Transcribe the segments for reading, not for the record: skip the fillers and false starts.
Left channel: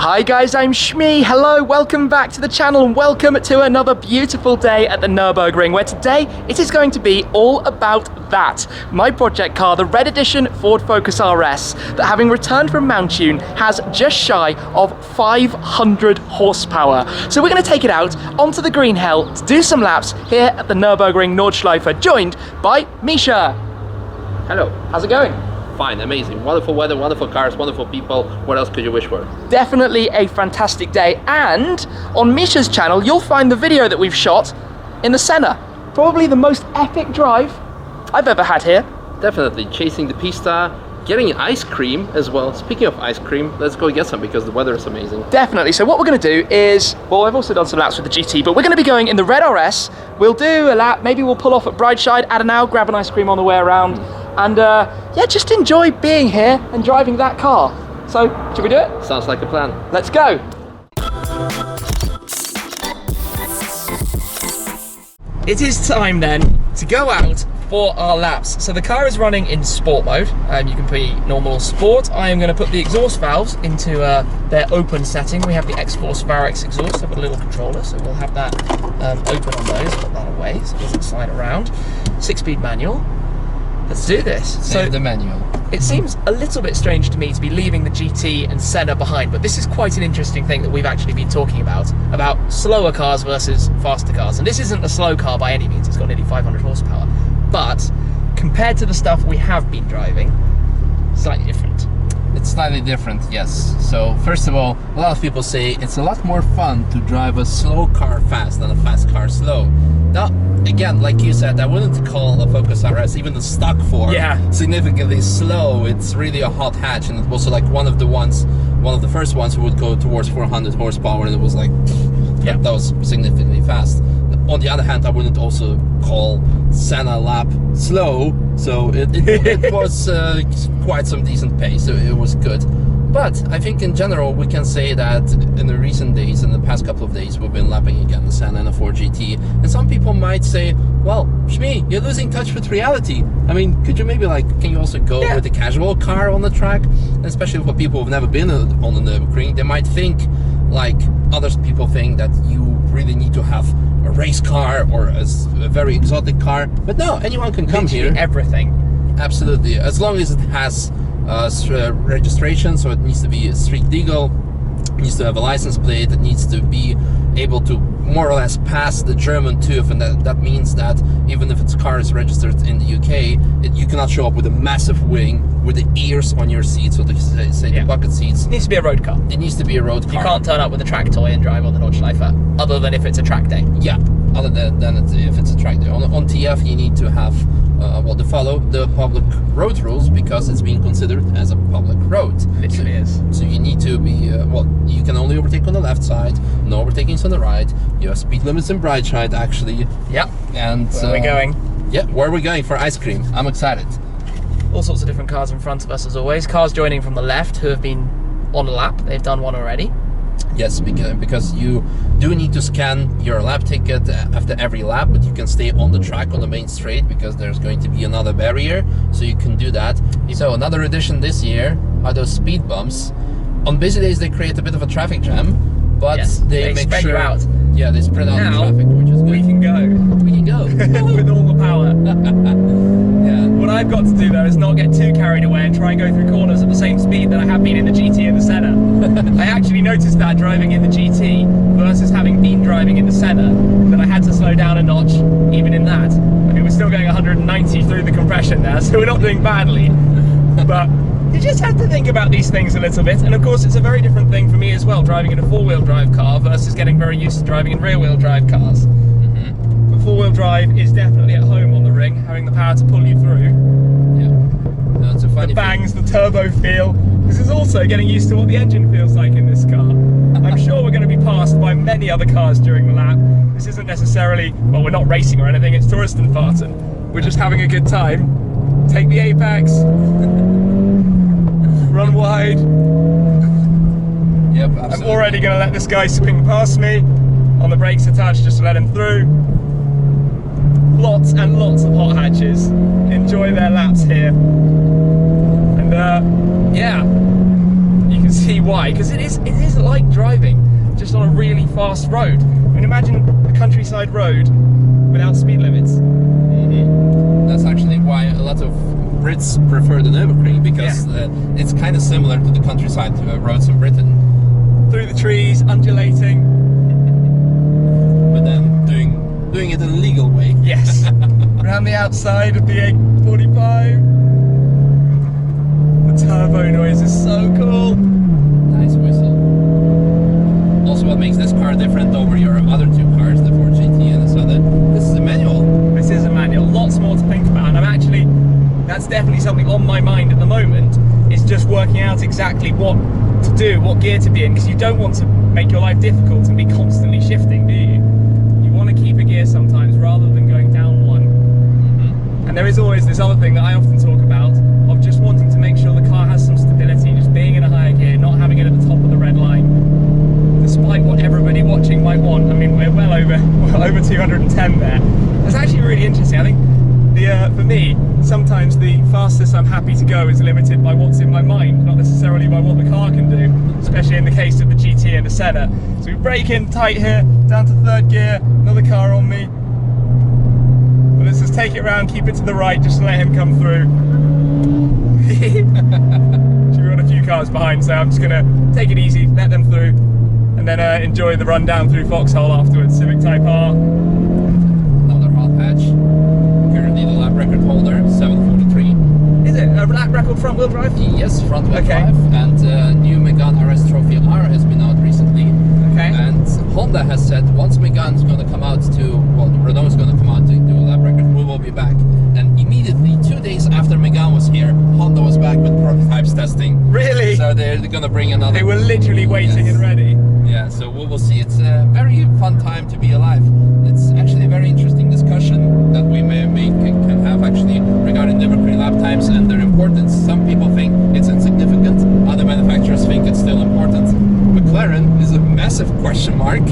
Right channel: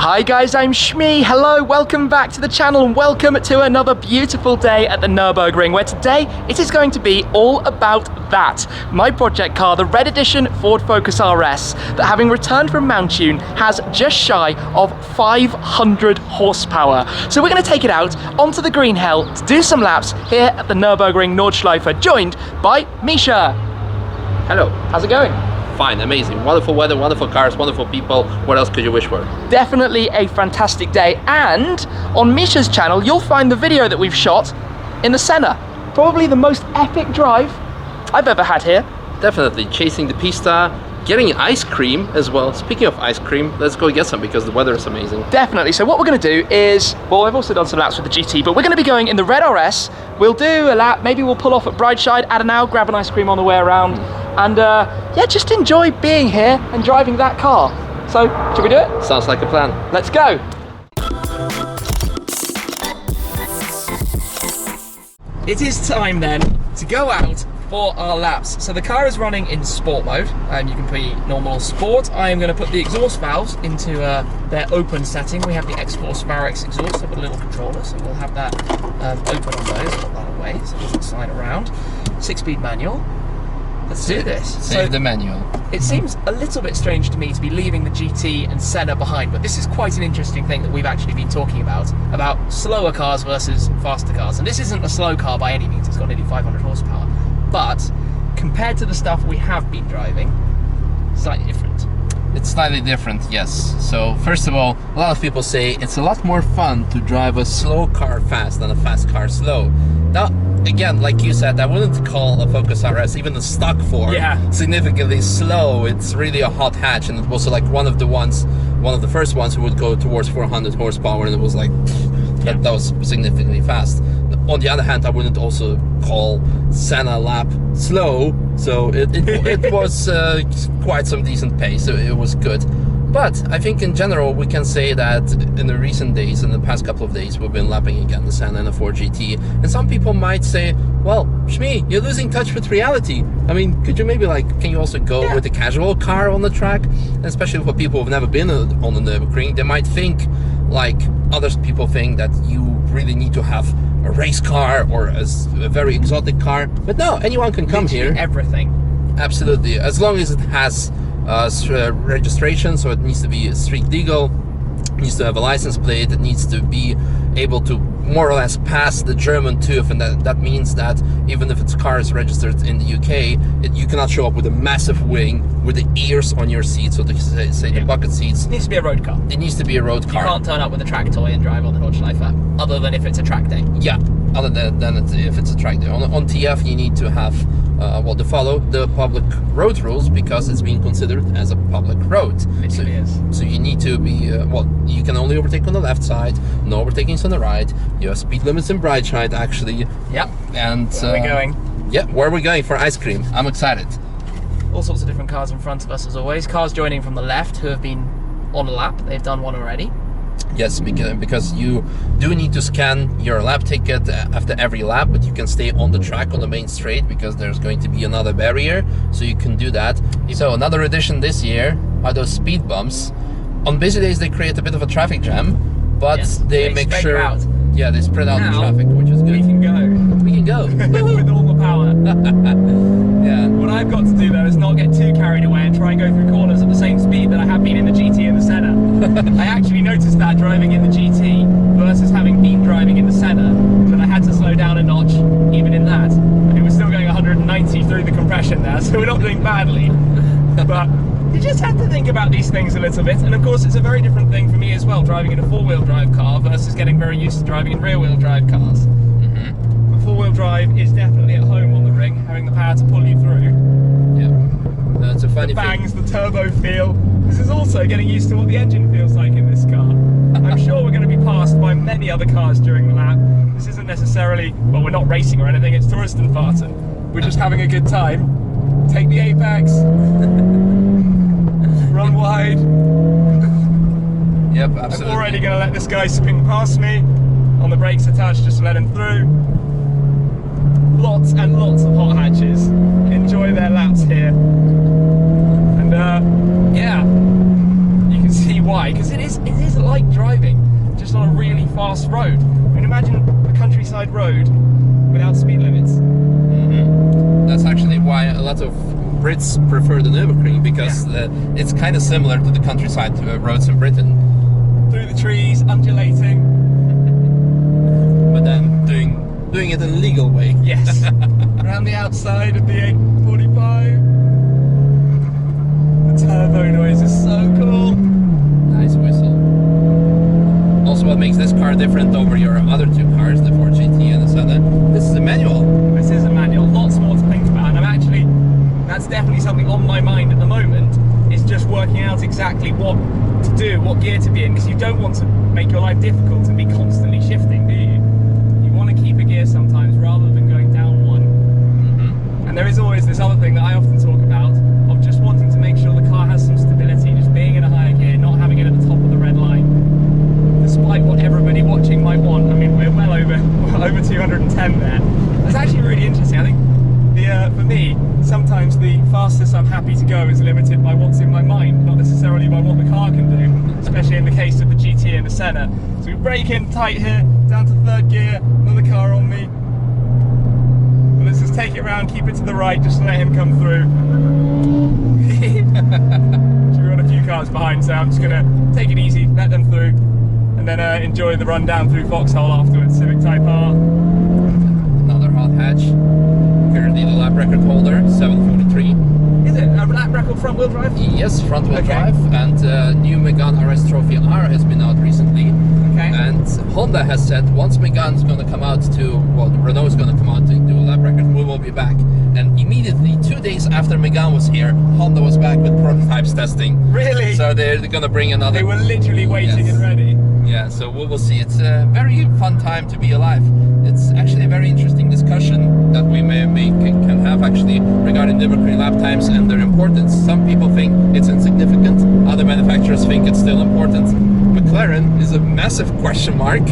Hi guys, I'm Shmi. Hello, welcome back to the channel and welcome to another beautiful day at the Nurburgring, where today it is going to be all about that. My project car, the Red Edition Ford Focus RS, that having returned from Mountune has just shy of 500 horsepower. So we're going to take it out onto the green hell to do some laps here at the Nurburgring Nordschleife, joined by Misha. Hello. How's it going? Fine, amazing. Wonderful weather, wonderful cars, wonderful people. What else could you wish for? Definitely a fantastic day. And on Misha's channel, you'll find the video that we've shot in the Senna. Probably the most epic drive I've ever had here. Definitely. Chasing the pista, getting ice cream as well. Speaking of ice cream, let's go get some because the weather is amazing. Definitely. So what we're going to do is, well, I've also done some laps with the GT, but we're going to be going in the Red RS. We'll do a lap. Maybe we'll pull off at Brideside, Adenau, grab an ice cream on the way around. And yeah, just enjoy being here and driving that car. So, should we do it? Sounds like a plan. Let's go. It is time then to go out for our laps. So the car is running in sport mode. You can put normal sport. I am going to put the exhaust valves into their open setting. We have the Xforce Varex exhaust with a little controller, so we'll have that open on those, put that away so it doesn't slide around. 6-speed manual. Let's do this. Save the manual. It seems a little bit strange to me to be leaving the GT and Senna behind, but this is quite an interesting thing that we've actually been talking about slower cars versus faster cars. And this isn't a slow car by any means, it's got nearly 500 horsepower. But compared to the stuff we have been driving, slightly different. It's slightly different, yes. So first of all, a lot of people say it's a lot more fun to drive a slow car fast than a fast car slow. Now, again, like you said, I wouldn't call a Focus RS, even the stock form, significantly slow. It's really a hot hatch, and it was like one of the first ones who would go towards 400 horsepower, and it was like, that was significantly fast. On the other hand, I wouldn't also call Senna lap slow, so it was quite some decent pace, so it was good. But I think in general we can say that in the recent days, in the past couple of days, we've been lapping again the Senna and the Ford GT, and some people might say, well, Shmi, you're losing touch with reality. I mean, could you maybe can you also go with a casual car on the track? And especially for people who've never been on the Nurburgring, they might think, like other people think, that you really need to have a race car or a very exotic car. But no, anyone can come here. Everything. Absolutely, as long as it has registration, so it needs to be street legal, it needs to have a license plate, it needs to be able to more or less pass the German TÜV, and that means that even if its car is registered in the UK, you cannot show up with a massive wing with the ears on your seat, so to say the bucket seats. It needs to be a road car. It needs to be a road car. You can't turn up with a track toy and drive on the Nordschleife, other than if it's a track day. Yeah, other than if it's a track day. On TF you need to have to follow the public road rules, because it's being considered as a public road. Literally is. So you need to be, you can only overtake on the left side, no overtakings on the right. You have speed limits in Brideside, actually. Yep. And where are we going? Yeah, where are we going for ice cream? I'm excited. All sorts of different cars in front of us as always. Cars joining from the left who have been on a lap. They've done one already. Yes, because you do need to scan your lap ticket after every lap, but you can stay on the track on the main straight because there's going to be another barrier, so you can do that. So another addition this year are those speed bumps. On busy days they create a bit of a traffic jam, but they make sure out. Yeah, they spread out the traffic, which is good. We can go. We can go with all the power. Yeah. What I've got to do though is not get too carried away and try and go through corners at the same speed that I have been in the GT and the Senna. I actually noticed that driving in the GT versus having been driving in the Senna, that I had to slow down a notch even in that. I mean, we're still going 190 through the compression there, so we're not doing badly. But you just have to think about these things a little bit, and of course it's a very different thing for me as well, driving in a four-wheel drive car versus getting very used to driving in rear-wheel drive cars. But four-wheel drive is definitely at home on the ring, having the power to pull you through. Yeah, that's a funny the bangs, the turbo feel. This is also getting used to what the engine feels like in this car. I'm sure we're going to be passed by many other cars during the lap. This isn't necessarily, well, we're not racing or anything, it's Touristenfahrten. We're just having a good time. Take the apex. Run wide. Yep, absolutely. I'm already going to let this guy swing past me. On the brakes attached, just to let him through. Lots and lots of hot hatches. Enjoy their laps here. And yeah, you can can see why, because it is like driving just on a really fast road. I mean, imagine a countryside road without speed limits. That's actually why a lot of Brits prefer the Nurburgring, because it's kind of similar to the countryside roads in Britain. Through the trees, undulating. But then doing it in a legal way. Yes. Around the outside of the 845. The turbo noise is so cool. Nice whistle. Also, what makes this car different over your other two cars, the Ford GT and the Senna, this is a manual. This is a manual. Lots more to think about, and that's definitely something on my mind at the moment, is just working out exactly what to do, what gear to be in, because you don't want to make your life difficult and be constantly shifting, do you? You want to keep a gear sometimes rather than going down one. And there is always this other thing that I often talk about, of just wanting to make sure the car has some stability, just being in a higher gear, not having it at the top of the red line, despite what everybody watching might want. I mean, we're well over 210 there. That's actually really interesting. I think for me, sometimes the fastest I'm happy to go is limited by what's in my mind, not necessarily by what the car can do, especially in the case of the GT and the Senna. So we brake in tight here, down to third gear, another car on me. But let's just take it around, keep it to the right, just to let him come through. We've got a few cars behind, so I'm just going to take it easy, let them through, and then enjoy the run down through Foxhole afterwards. Civic Type R. Another hot hatch. Currently the lap record holder, 743. Is it a lap record front wheel drive? Yes, front wheel drive. And new Mégane RS Trophy R has been out recently. Okay. And Honda has said once Megane's going to come out Renault is going to come out to do a lap record, we will be back. And immediately, 2 days after Mégane was here, Honda was back with prototypes testing. Really? So they're going to bring another. They were literally waiting and ready. Yeah, so we will see. It's a very fun time to be alive. It's actually a very interesting discussion that we can have actually regarding Nurburgring lap times and their importance. Some people think it's insignificant, other manufacturers think it's still important. McLaren is a massive question mark.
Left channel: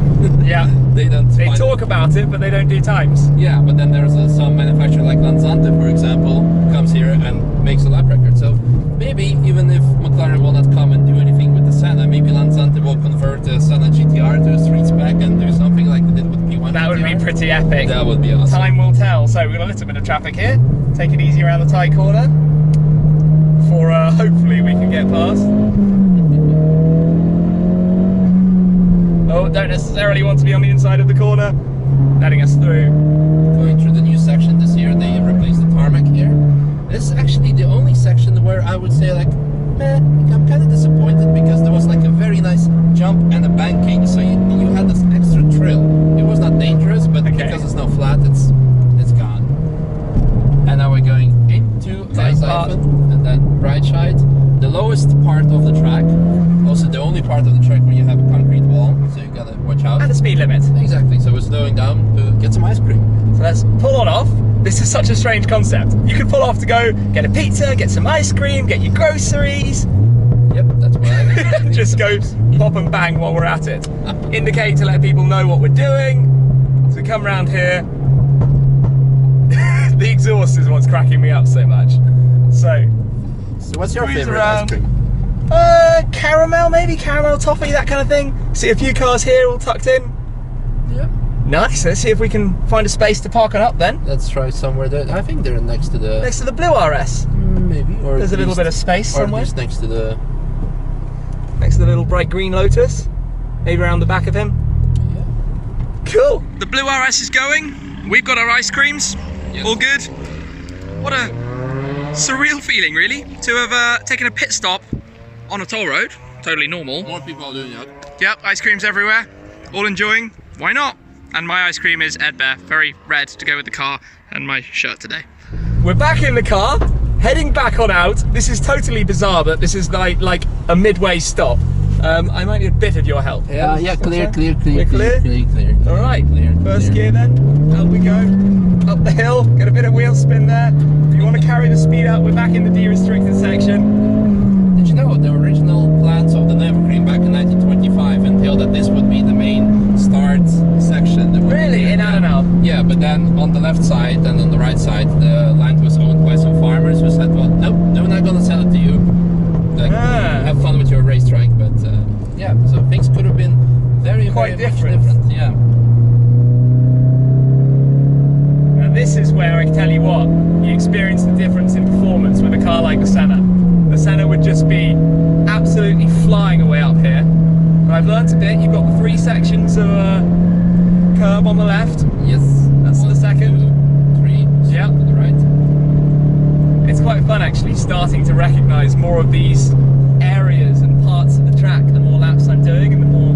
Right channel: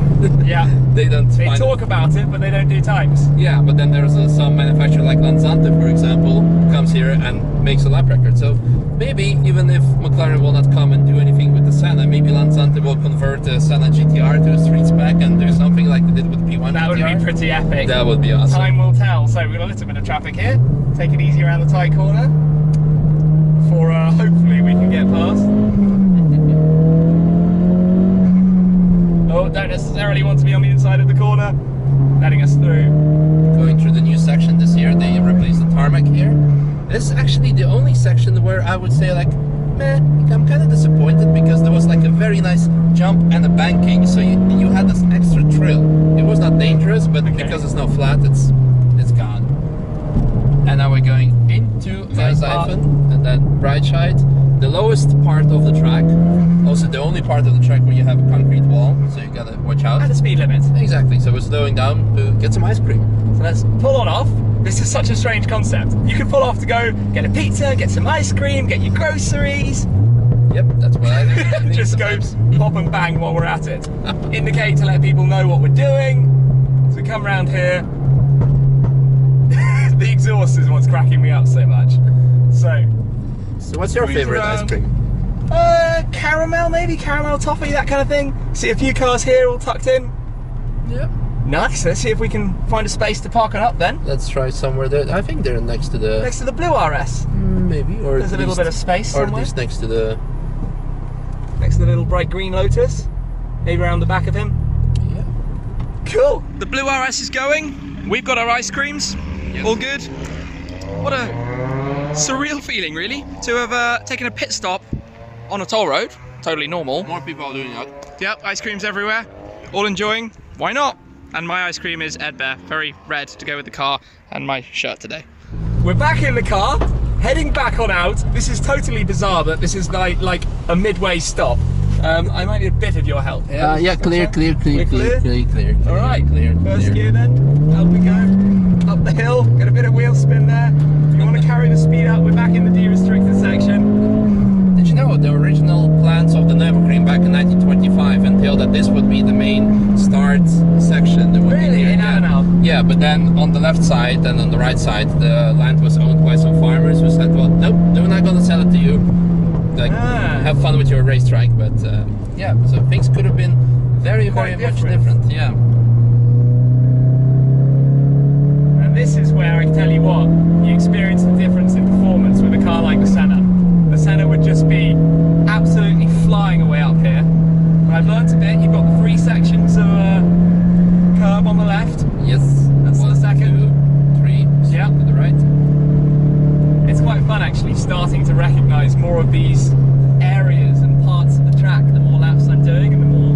Yeah. They talk about it, but they don't do times. Yeah, but then there's some manufacturer like Lansante, for example, comes here and makes a lap record. So maybe even if McLaren will not come and do anything with the Senna, maybe Lansante will convert the Senna GTR to a street spec and do something like they did with P1 That GTR. would be pretty epic. That would be awesome. Time will tell. So we've got a little bit of traffic here. Take it easy around the tight corner. For hopefully we can get past. Oh, don't necessarily want to be on the inside of the corner. Letting us through. Going through the new section this year, they replaced the tarmac here. This is actually the only section where I would say like, meh, I'm kind of disappointed, because there was like a very nice jump and a banking, so you had this extra thrill. It was not dangerous, but because it's not flat, it's gone. And now we're going into Eisenhofen and then right side, the lowest part of the track, also the only part of the track where you have a concrete wall, so you gotta watch out. And a speed limit. Exactly, so we're slowing down to get some ice cream. So let's pull on off. This is such a strange concept. You could pull off to go get a pizza, get some ice cream, get your groceries. Yep, that's what I do. Just go pop and bang while we're at it. Indicate to let people know what we're doing. So we come around here. The exhaust is what's cracking me up so much. So what's your favorite ice cream? Caramel, maybe caramel toffee, that kind of thing. See a few cars here all tucked in. Yep. Nice. Let's see if we can find a space to park on up then. Let's try somewhere there. I think they're next to the blue RS. Maybe, or there's a little bit of space or somewhere. at least next to the little bright green Lotus. Maybe around the back of him. Yeah. Cool. The blue RS is going. We've got our ice creams. Yes. All good. What a surreal feeling, really, to have taken a pit stop on a toll road. Totally normal. More people are doing that. Yep, ice creams everywhere. All enjoying. Why not? And my ice cream is Ed Bear, very red to go with the car and my shirt today. We're back in the car, heading back on out. This is totally bizarre, but this is like a midway stop. I might need a bit of your help. Yeah, clear. All right, clear. First gear then, out we go. Up the hill, get a bit of wheel spin there. If you want to carry the speed up, we're back in the de-restricted section. Did you know the original plans of the Nurburgring back in 1925 entailed that this would be the main start section? Really? In Adenau? Yeah, but then on the left side and on the right side, the land was owned by some farmers who said, well, nope, we're not going to sell it to you. like have fun with your racetrack. But yeah, so things could have been very much different. Yeah. And this is where I can tell you what, you experience the difference in performance with a car like the Senna. The Senna would just be absolutely flying away up here. And I've learnt a bit. You've got the 3 sections of curb on the left. Yes. That's 1, the second. 2, 3. Yeah. To the right. It's quite fun actually starting to recognise more of these areas and parts of the track the more laps I'm doing and the more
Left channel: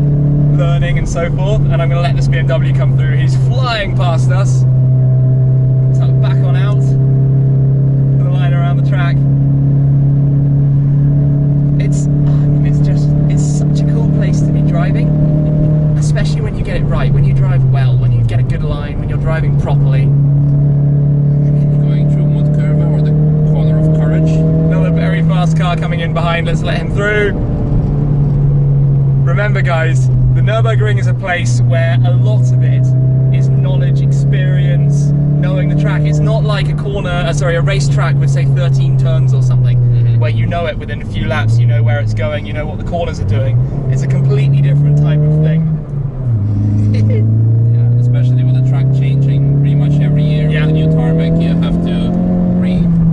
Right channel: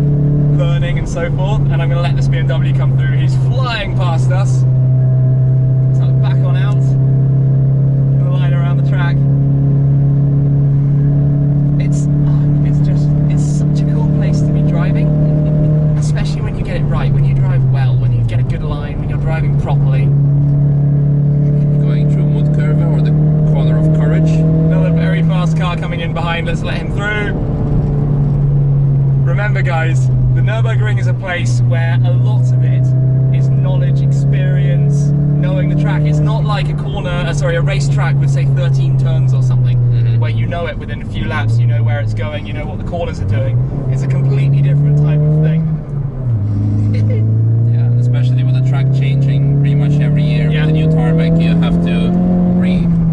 learning and so forth. And I'm going to let this BMW come through. He's flying past us. So back on out for the line around the track. It's such a cool place to be driving, especially when you get it right, when you drive well, when you get a good line, when you're driving properly. Going through Mud Curve or the corner of Courage. Another very fast car coming in behind, let's let him through. Remember guys, the Nurburgring is a place where a lot of it is knowledge, experience, knowing the track. It's not like a racetrack with say 13 turns or something, where you know it within a few laps, you know where it's going, you know what the corners are doing. It's a completely different type of thing. Yeah, and especially with the track changing pretty much every year with the new tarmac, you have to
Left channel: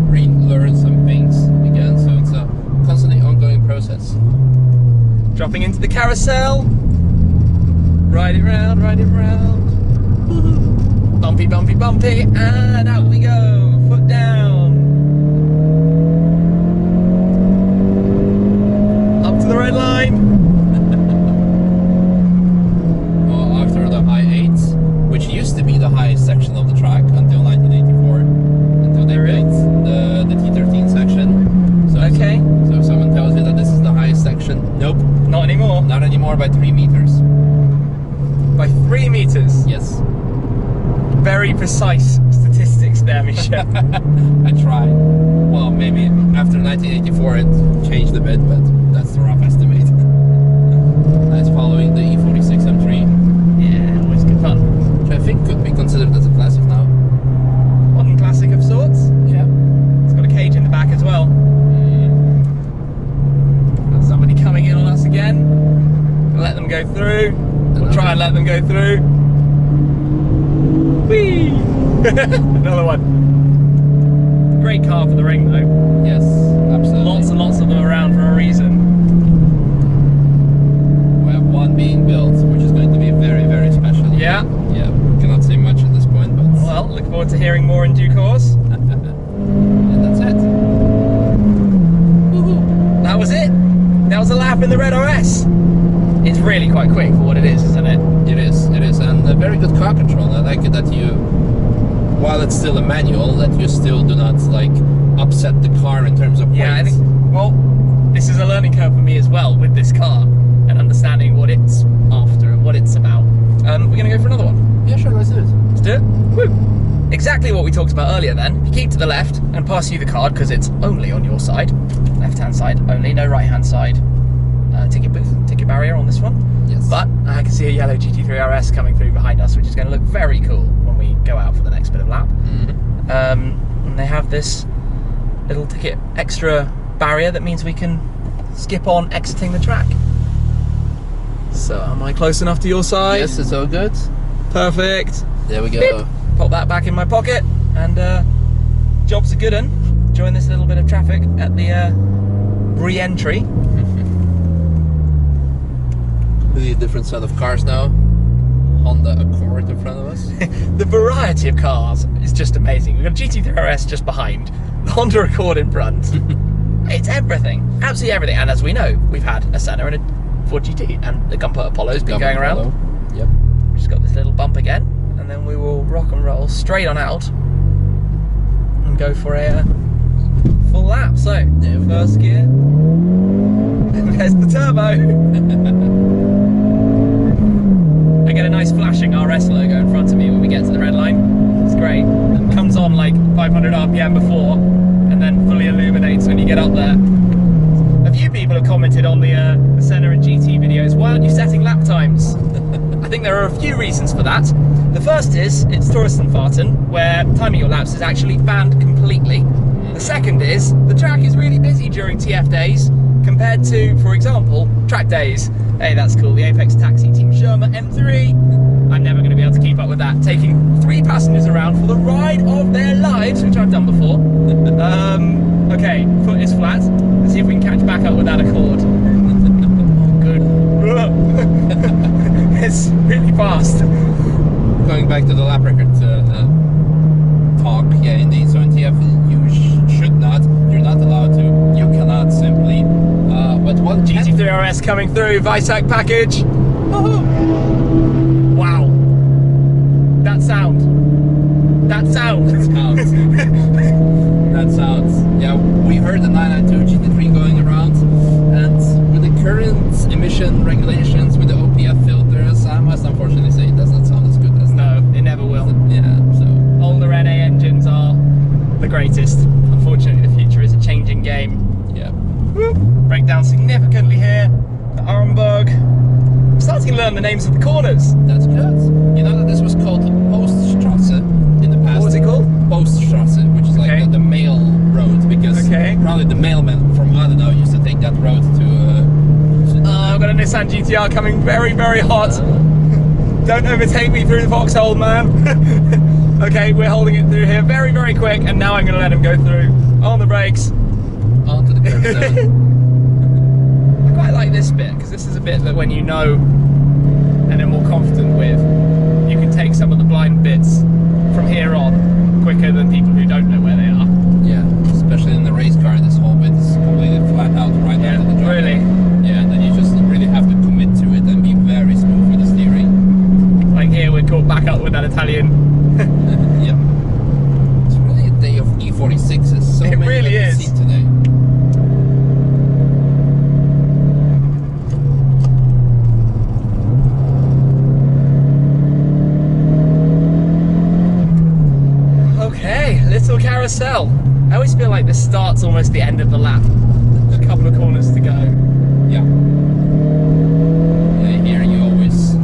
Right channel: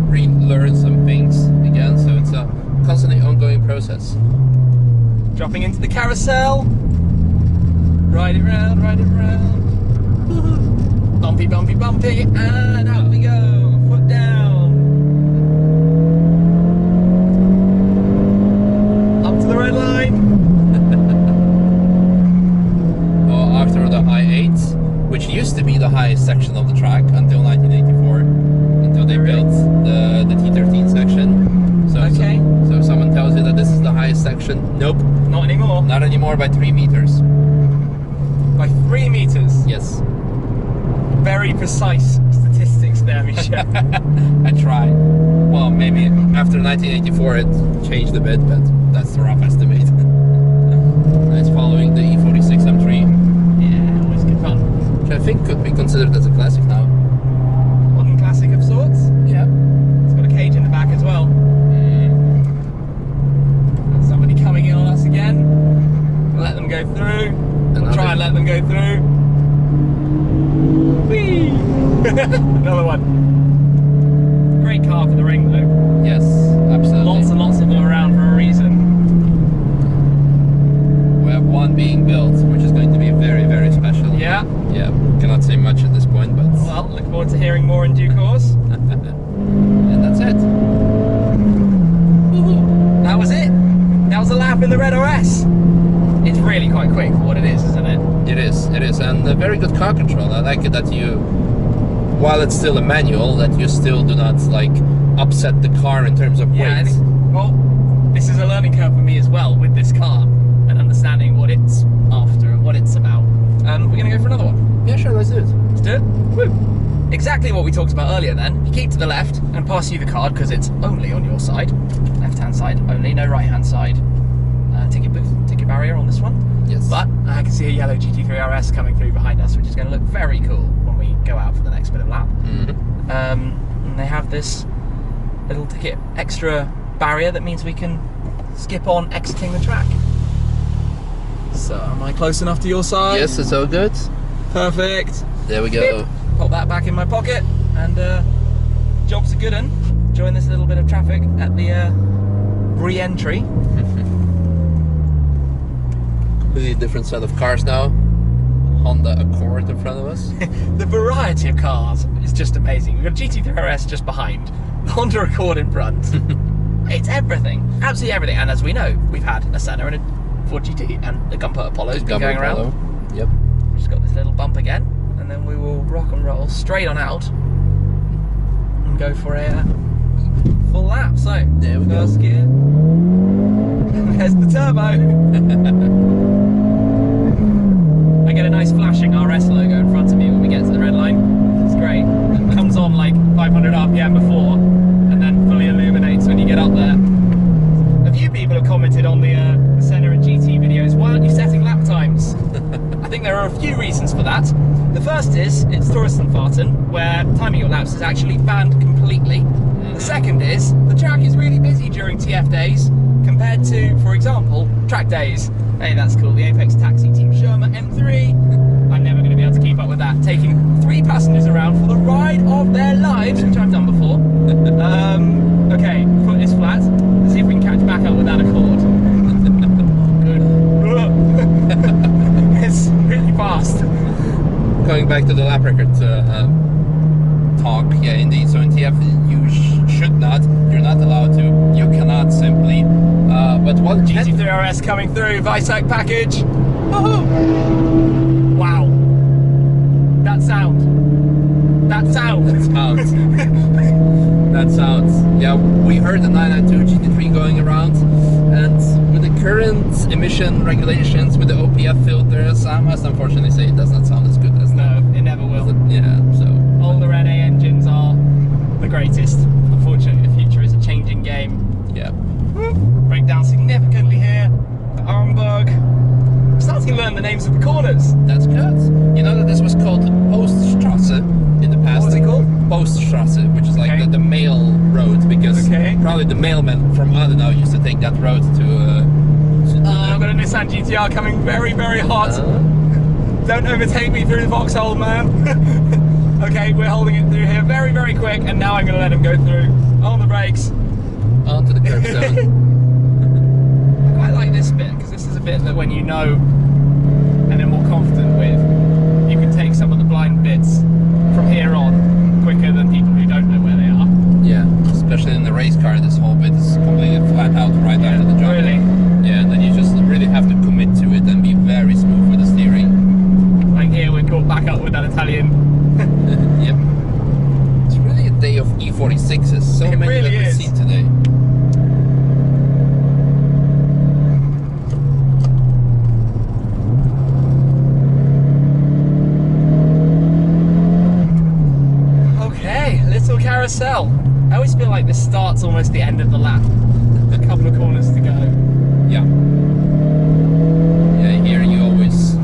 relearn some things again, so it's a constantly ongoing process. Dropping into the carousel, ride it round, bumpy, bumpy, bumpy, and out we go, foot down. Up to the red line. Well, after the I-8, which used to be the highest section of the track until 1984, until they built the T13 section. So, okay. So if someone tells you that this is the highest section, nope. Not anymore. Not anymore by 3 meters. By 3 meters? Yes. Very precise statistics there, Misha. I try. Well, maybe after 1984 it changed a bit, but that's the rough estimate. It's following the E46 M3. Yeah, always good fun. Which I think could be considered as a classic now. Modern classic of sorts. Yeah. It's got a cage in the back as well. Got somebody coming in on us again. We'll let them go through. We'll try and let them go through. Whee! Another one. Great car for the ring though. Yes, absolutely. Lots and lots of them around for a reason. We have one being built, which is going to be very, very special. Yeah. Yeah, cannot say much at this point, but... Well, look forward to hearing more in due course. And that's it. That was it. That was a lap in the red RS. It's really quite quick for what it is, isn't it? It is, and a very good car control. I like it that you, while it's still a manual, that you still do not like upset the car in terms of weight. Yeah, I think, well, this is a learning curve for me as well with this car and understanding what it's after and what it's about. We're gonna go for another one. Yeah, sure, let's do it. Let's do it. Woo. Exactly what we talked about earlier then. You keep to the left and pass you the card because it's only on your side. Left-hand side only, no right-hand side. Ticket booth, ticket barrier on this one. Yes. But I can see a yellow GT3 RS coming through behind us, which is going to look very cool when we go out for the next bit of lap. And they have this little ticket extra barrier that means we can skip on exiting the track. So am I close enough to your side? Yes, it's all good. Perfect. There we go. Beep. Pop that back in my pocket and job's a good one. Join this little bit of traffic at the re-entry. Completely different set of cars now. Honda Accord in front of us. The variety of cars is just amazing. We've got a GT3 RS just behind, the Honda Accord in front. It's everything, absolutely everything. And as we know, we've had a Senna and a Ford GT, and the Gunpowder Apollo's been going around. Yep. We've just got this little bump again, and then we will rock and roll straight on out and go for a full lap. So, there we first go. Gear. There's the turbo. I get a nice flashing RS logo in front of me when we get to the red line. It's great. It comes on like 500 RPM before and then fully illuminates when you get up there. A few people have commented on the Senna and GT videos, why aren't you setting lap times? I think there are a few reasons for that. The first is, it's Touristenfahrten, where timing your laps is actually banned completely. The second is, the track is really busy during TF days, compared to, for example, track days. Hey, that's cool. The Apex Taxi Team Sherma M3. I'm never going to be able to keep up with that. Taking 3 passengers around for the ride of their lives, which I've done before. Okay, foot is flat. Let's see if we can catch back up with that Accord. Good. It's really fast. Going back to the lap record talk, yeah, indeed. So in TF, you should not. You're not allowed to. You cannot simply. But what GT3 RS coming through, Varex package. Woohoo! Wow. That sound. That sound. That sounds. That sounds. Yeah, we heard the 992 GT3 going around, and with the current emission regulations, with the OPF filters, I must unfortunately say it does not sound as good as that. No, it never will. Yeah, so. Older NA engines are the greatest. Unfortunately, the future is a changing game. Yeah. Break down significantly here. The Armberg. I'm starting to learn the names of the corners. That's good. You know that this was called Poststrasse in the past. What was it called? Poststrasse, which is like the mail road, because probably the mailman from Adenau used to take that road to. I've got a Nissan GT-R coming very, very hot. Don't overtake me through the foxhole, man. Okay, we're holding it through here very, very quick, and now I'm going to let him go through. On the brakes. Onto the curb zone. I quite like this bit, because this is a bit that when you know and are more confident with, you can take some of the blind bits from here on quicker than people who don't know where they are. Yeah, especially in the race car, this whole bit is completely flat out right out of the job. Really? Yeah, and then you just really have to commit to it and be very smooth with the steering. Like here, we're caught back up with that Italian. Yep. It's really a day of E46s. So It many really that we've is. seen today. Okay, little carousel. I always feel like this starts almost the end of the lap. A couple of corners to go. Yeah. Yeah, here you always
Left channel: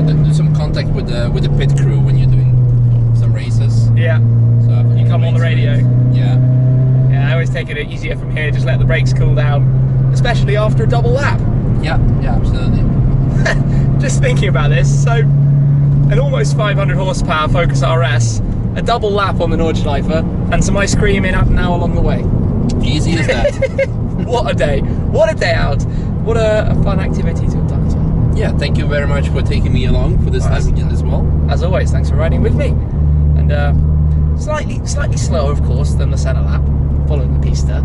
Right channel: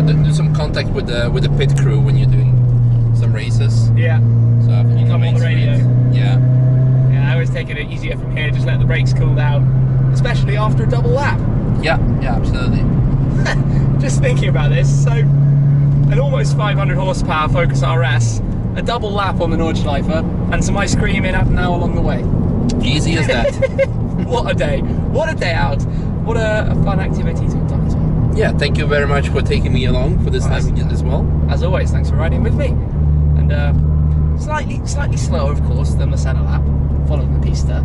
do some contact with the pit crew when you're doing some races. Yeah. So after You come on the radio. Yeah. Yeah, I always take it easier from here, just let the brakes cool down. Especially after a double lap. Yeah, absolutely. Just thinking about this, so an almost 500 horsepower Focus RS, a double lap on the Nordschleife, and some ice cream in Adenau along the way. Easy as that. What a day. What a day out. What a fun activity to have done as well. Yeah, thank you very much for taking me along for this time as well. As always, thanks for riding with me. And slightly slower, of course, than the Senna lap, following the pista.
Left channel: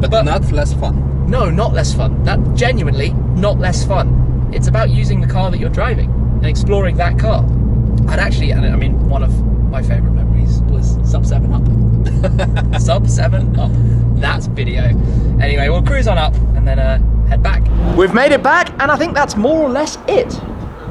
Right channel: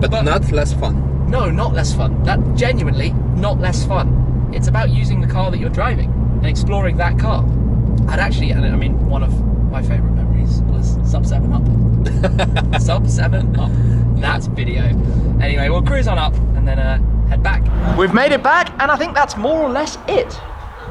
But not less fun. No, not less fun. That genuinely not less fun. It's about using the car that you're driving and exploring that car. I'd actually, and I mean, one of my favourite memories was Sub 7 Up. Sub 7 Up. That video. Anyway, we'll cruise on up and then head back. We've made it back, and I think that's more or less it.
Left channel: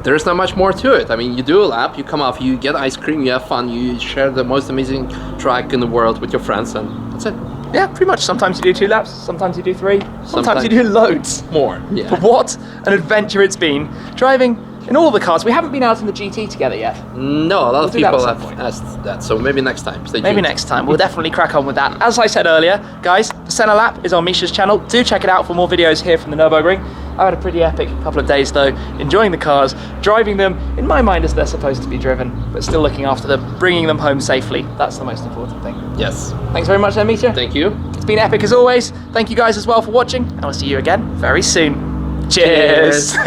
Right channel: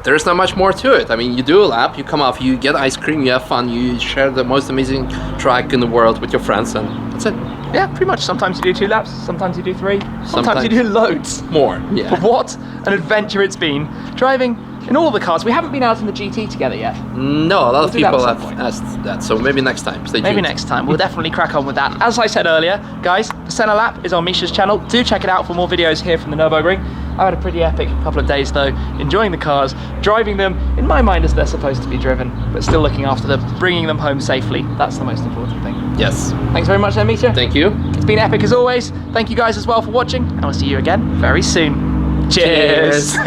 There's not much more to it. I mean, you do a lap, you come off, you get ice cream, you have fun, you share the most amazing track in the world with your friends, and that's it. Yeah, pretty much. Sometimes you do 2 laps, sometimes you do 3, sometimes you do loads. More, yeah. But what an adventure it's been driving in all the cars. We haven't been out in the GT together yet. No, a lot of do that people at some have point. asked that, so maybe next time. Stay Maybe tuned. next time. We'll definitely crack on with that. As I said earlier, guys, the Senna lap is on Misha's channel. Do check it out for more videos here from the Nurburgring. I've had a pretty epic couple of days though, enjoying the cars, driving them in my mind as they're supposed to be driven, but still looking after them, bringing them home safely. That's the most important thing. Yes. Thanks very much then, Misha. Thank you. It's been epic as always. Thank you guys as well for watching, and I'll see you again very soon. Cheers.